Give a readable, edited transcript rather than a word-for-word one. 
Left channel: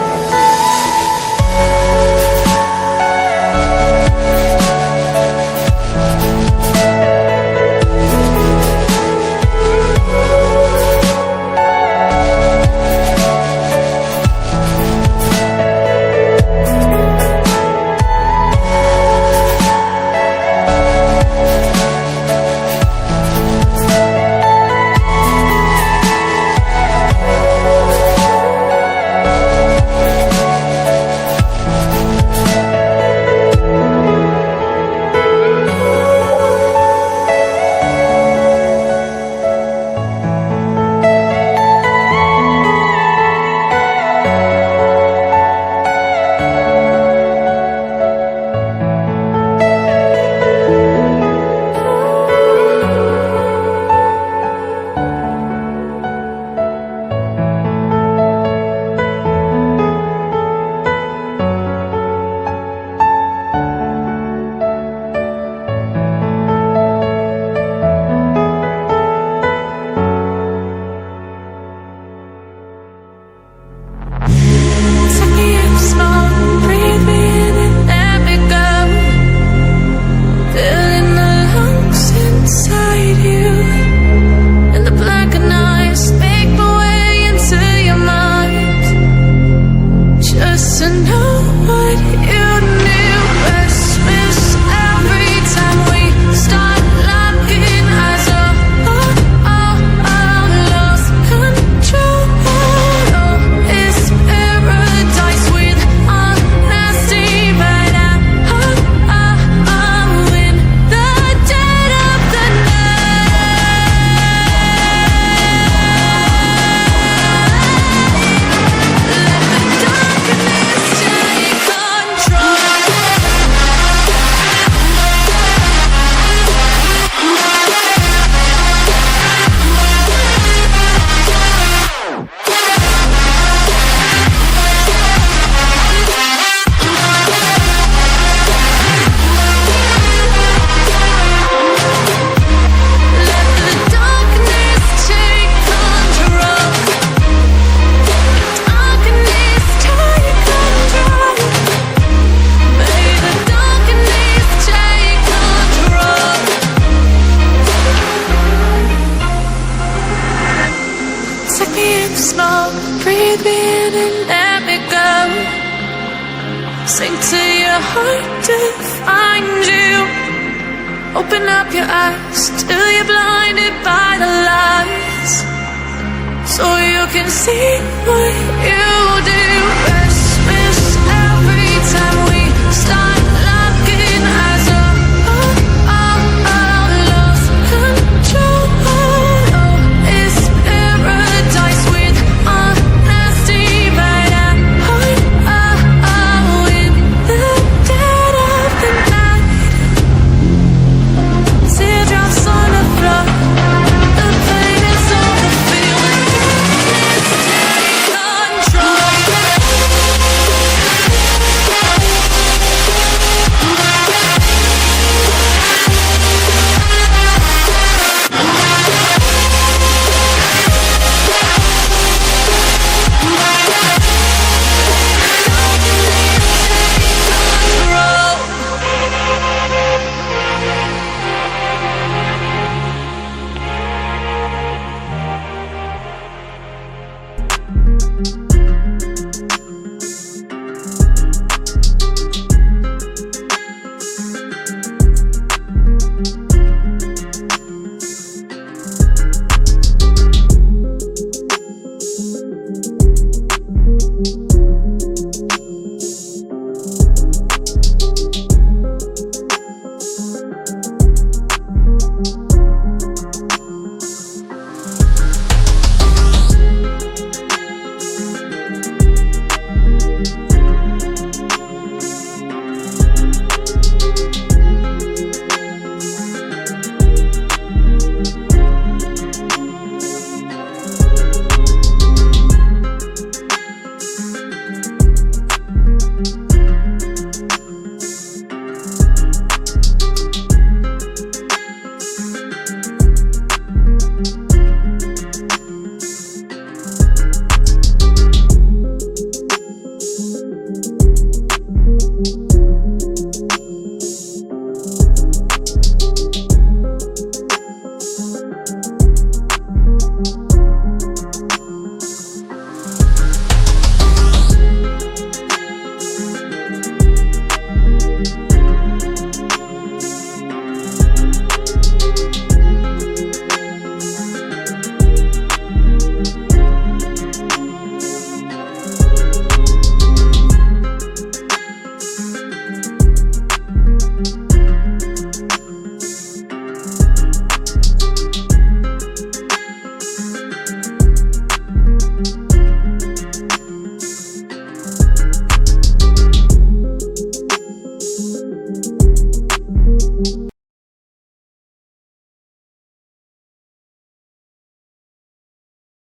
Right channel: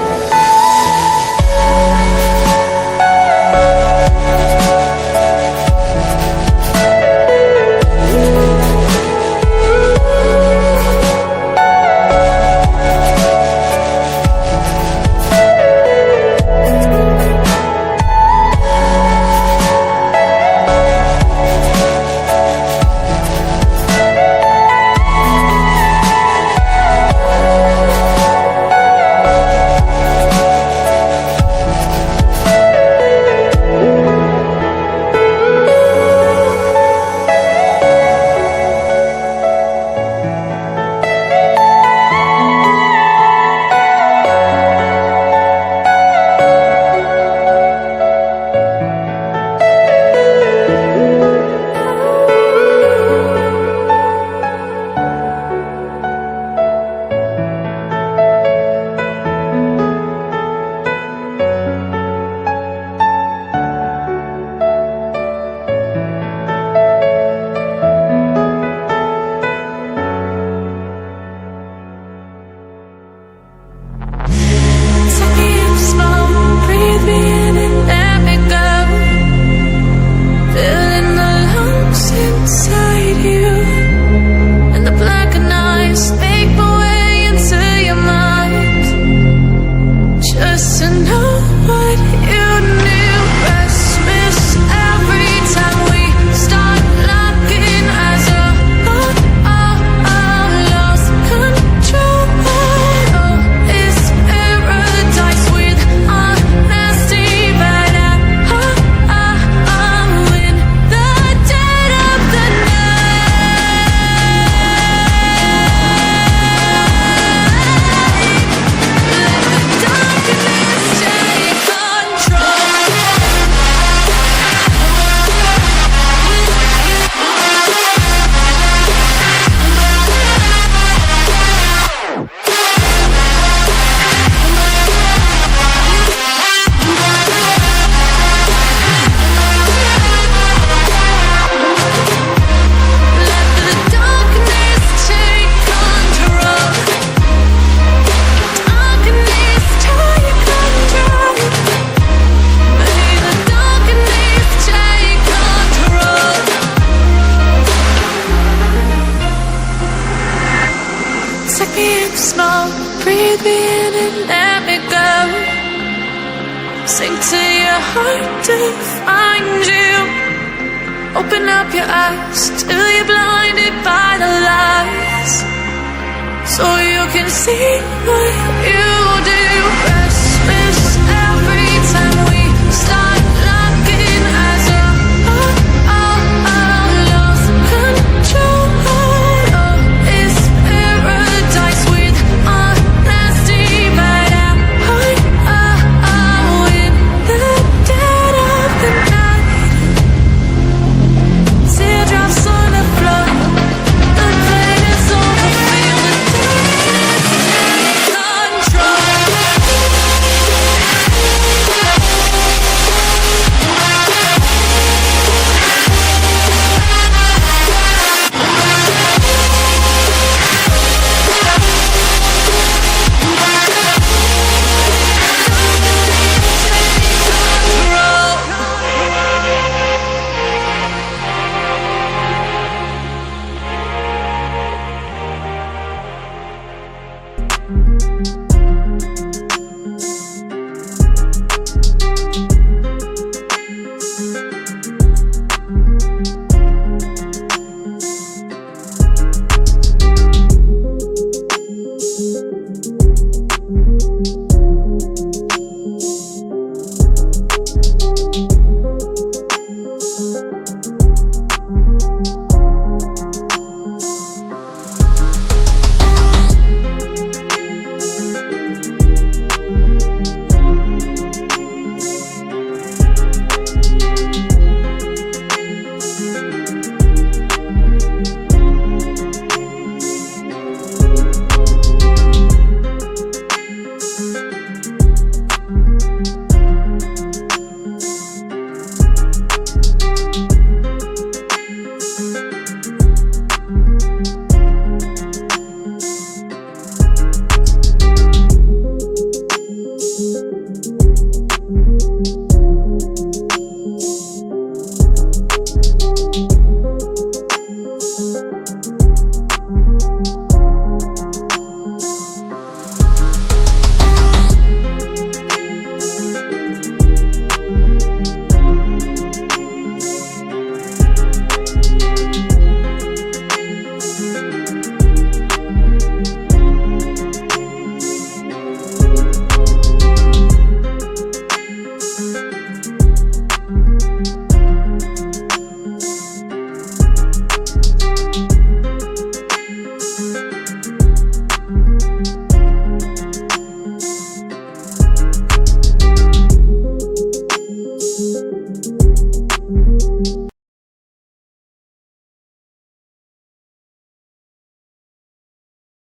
listening, please. Smoke, breathe me in and let me go. Filling the lumps inside you, and the blackened eyes make my way into your mind. Just to know what you knew. Restless every time we start locking eyes. Lost control. Oh, it's paradise with honesty, but I'm in the dead of the night. Let the darkness take control. Let the darkness take control. Darkness take control. May the darkness take control. Take me in the smoke, breathe me in and let me go. Sink to your heart to find you. Open up your eyes till you're blinded by the lies, so you can see what you do. Restless